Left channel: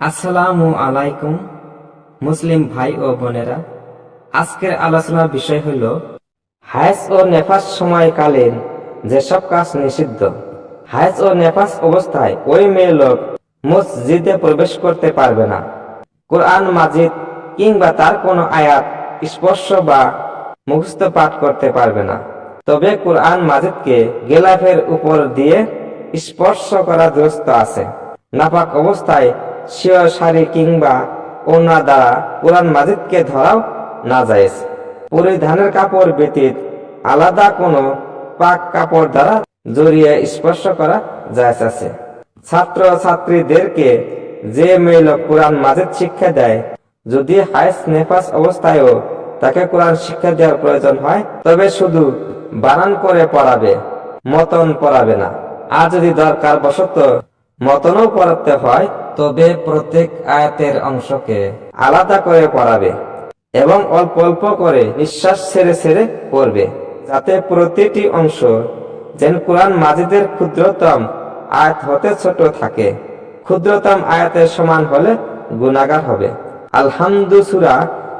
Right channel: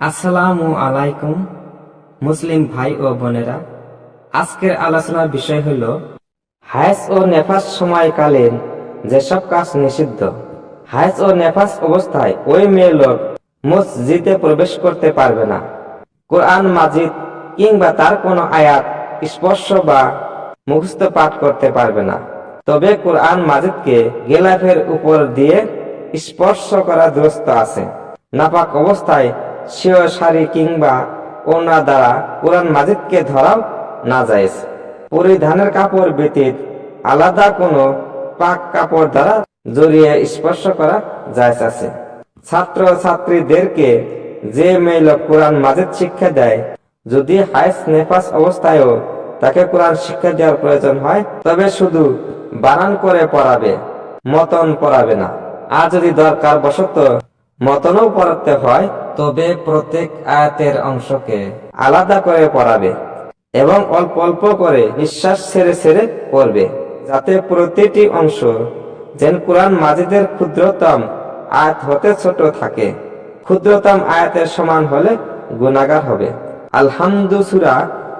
আসসালামু আলাইকুম মুসলিম ভাই ও বোনেরা, আজকের আলোচনার বিষয় হল হায়েজ ও নেফাস সময়কালীন যেসব কাজ নিষিদ্ধ। হায়েজ ও নেফাস অবস্থায় ওই মেয়ে লোক মসজিদে প্রবেশ করতে পারবে না। কোরআন মাজিদ কিংবা তার কোনো আয়াত স্পর্শ বা মুখস্থ পাঠ করতে পারবে না। তবে কোরআন মাজিদকে গেলাফের উপর দিয়ে স্পর্শ করা দুরূহ আছে। নাপাক অবস্থায় স্বীয় শাড়ি কিংবা ওড়না দ্বারা কোরআন মাজিদকে ধরাও নাজায়েজ। পরিধানের কাপড় ব্যতীত আলাদা কোনো পাক কাপড় দ্বারা জড়িয়ে স্পর্শ করা জায়েজ আছে। ছাত্র ছাত্রীদেরকে যে মেয়ে লোক কোরআন মাজিদ শিক্ষা দেয়, যদি হায়েজ নেফাস অবস্থায়ও তাকে কোরআন শিক্ষা দেওয়ার প্রয়োজন হয়, তবে শুধু বানান করে পড়াবে, মতন পড়াবে না। আর যদি দরকার বশত মতনও পড়াতে হয়, তবে প্রত্যেক আয়াতের অংশকে আলাদা করে পড়াবে এবং অল্প অল্প করে নিঃশ্বাস ছেড়ে ছেড়ে পড়বে, যাতে প্রতিটি অংশ যেন কোরআন মাজিদের ক্ষুদ্রতম আয়াত হতে ছোট থাকে। ক্ষুদ্রতম আয়াতের সমান হলে গুনাহগার হবে। আলহামদু সূরা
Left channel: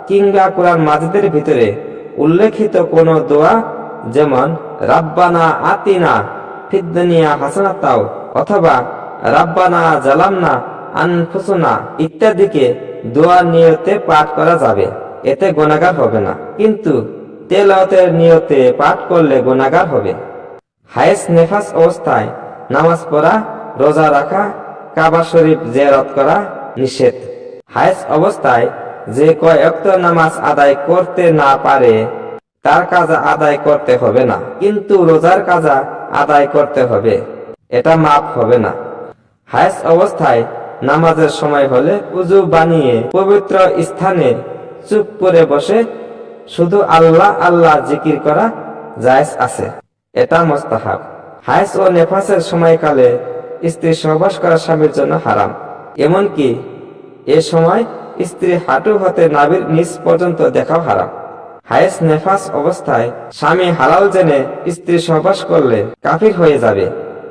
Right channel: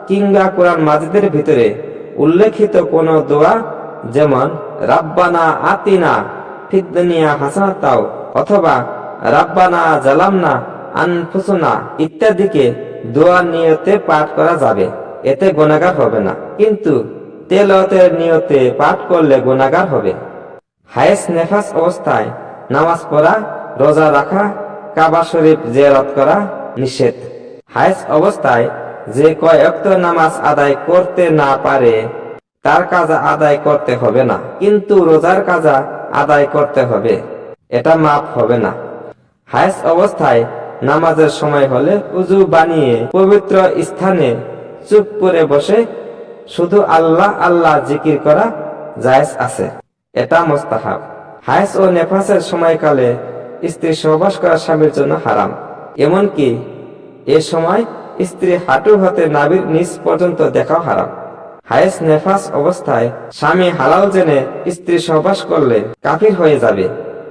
কিংবা কোরআন মাজিদের ভিতরে উল্লেখিত কোন দোয়া, যেমন রাব্বানা আতিনা ফিদ দুনিয়া হাসানাতাও অথবা রাব্বানা জালামনা আনফুসুনা ইত্যাদিকে দোয়া নিয়তে পাঠ করা যাবে, এতে গুনাহগার হবে না। কিন্তু তেলাওয়াতের নিয়তে পাঠ করলে গুনাহগার হবে। হায়েজ নেফাস অবস্থায় নামাজ পড়া, রোজা রাখা, কাবা শরীফ জিয়ারত করা নিষেধ। হায়েজ অবস্থায় যে কয় ওয়াক্ত নামাজ আদায় করতে না পারে, তার কাজা আদায় করতে হবে না, কিন্তু রোজার কাজা আদায় করতে হবে, এটা মাফ হবে না। হায়েজ অবস্থায় নামাজের সময় হলে উযু বানিয়ে পবিত্র স্থানে চুপ করে বসে শুধু আল্লাহ আল্লাহ জিকির করা জায়েজ আছে, এটা মুস্তাহাব। হায়েজ ও নেফাসের সময়কালে স্ত্রী সহবাস করা স্বামীর জন্য হারাম। এমনকি এ সময় স্ত্রী হাঁটু হতে নাভির নিচ পর্যন্ত দেখাও হারাম। হায়েজ নেফাস অবস্থায় স্বামী হালাল জেনে স্ত্রী সহবাস করলে কাফির হয়ে যাবে,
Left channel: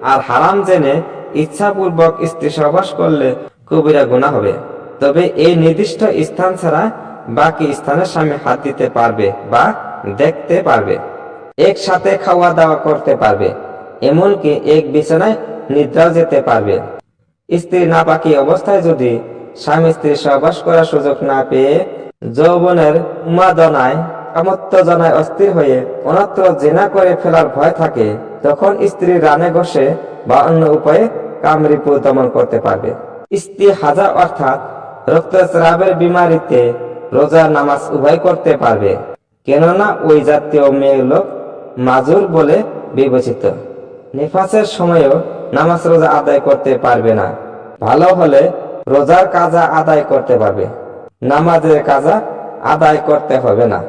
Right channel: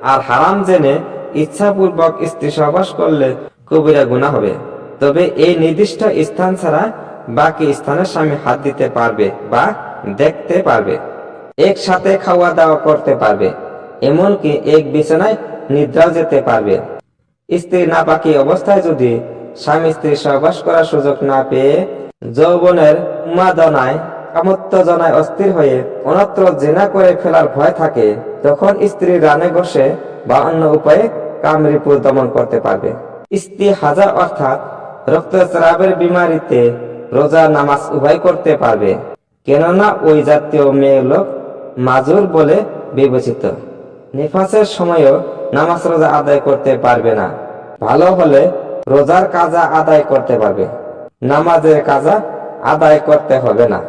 আর হারাম জেনে ইচ্ছাপূর্বক স্ত্রী সহবাস করলে কবিরা গুনাহ হবে। তবে এই নির্দিষ্ট স্থান ছাড়া বাকি স্থানে স্বামী হাত দিতে পারবে বা দেখতে পারবে, একসাথে খাওয়া দাওয়া করতে পারবে, এমনকি এক বিছানায় নিদ্রাও যেতে পারবে। স্ত্রী নাপাকি অবস্থায় যদি স্বামী স্ত্রী সহবাস করার সুযোগ না পেয়ে যৌবনের উন্মাদনায় কামোত্তেজনায় অস্থির হয়ে অন্যত্র জিনা করে ফেলার ভয় থাকে, তখন স্ত্রী রানে বসে বা অন্য উপায়ে কামরিপু দমন করতে পারবে। ইস্তিহাজা অর্থাৎ রক্তস্রাবের বিমারিতে রোজা নামাজ উভয় করতে পারবে, কেননা ওই জাতীয় মেয়ে লোক মাজুর বলে বিবেচিত। নিফাসের সময়ও নামাজ রোজা আদায় করতে পারবে না। ভালো হলে রোজার কাজা আদায় করতে পারবে, নামাজের কাজা আদায় করতে হবে না।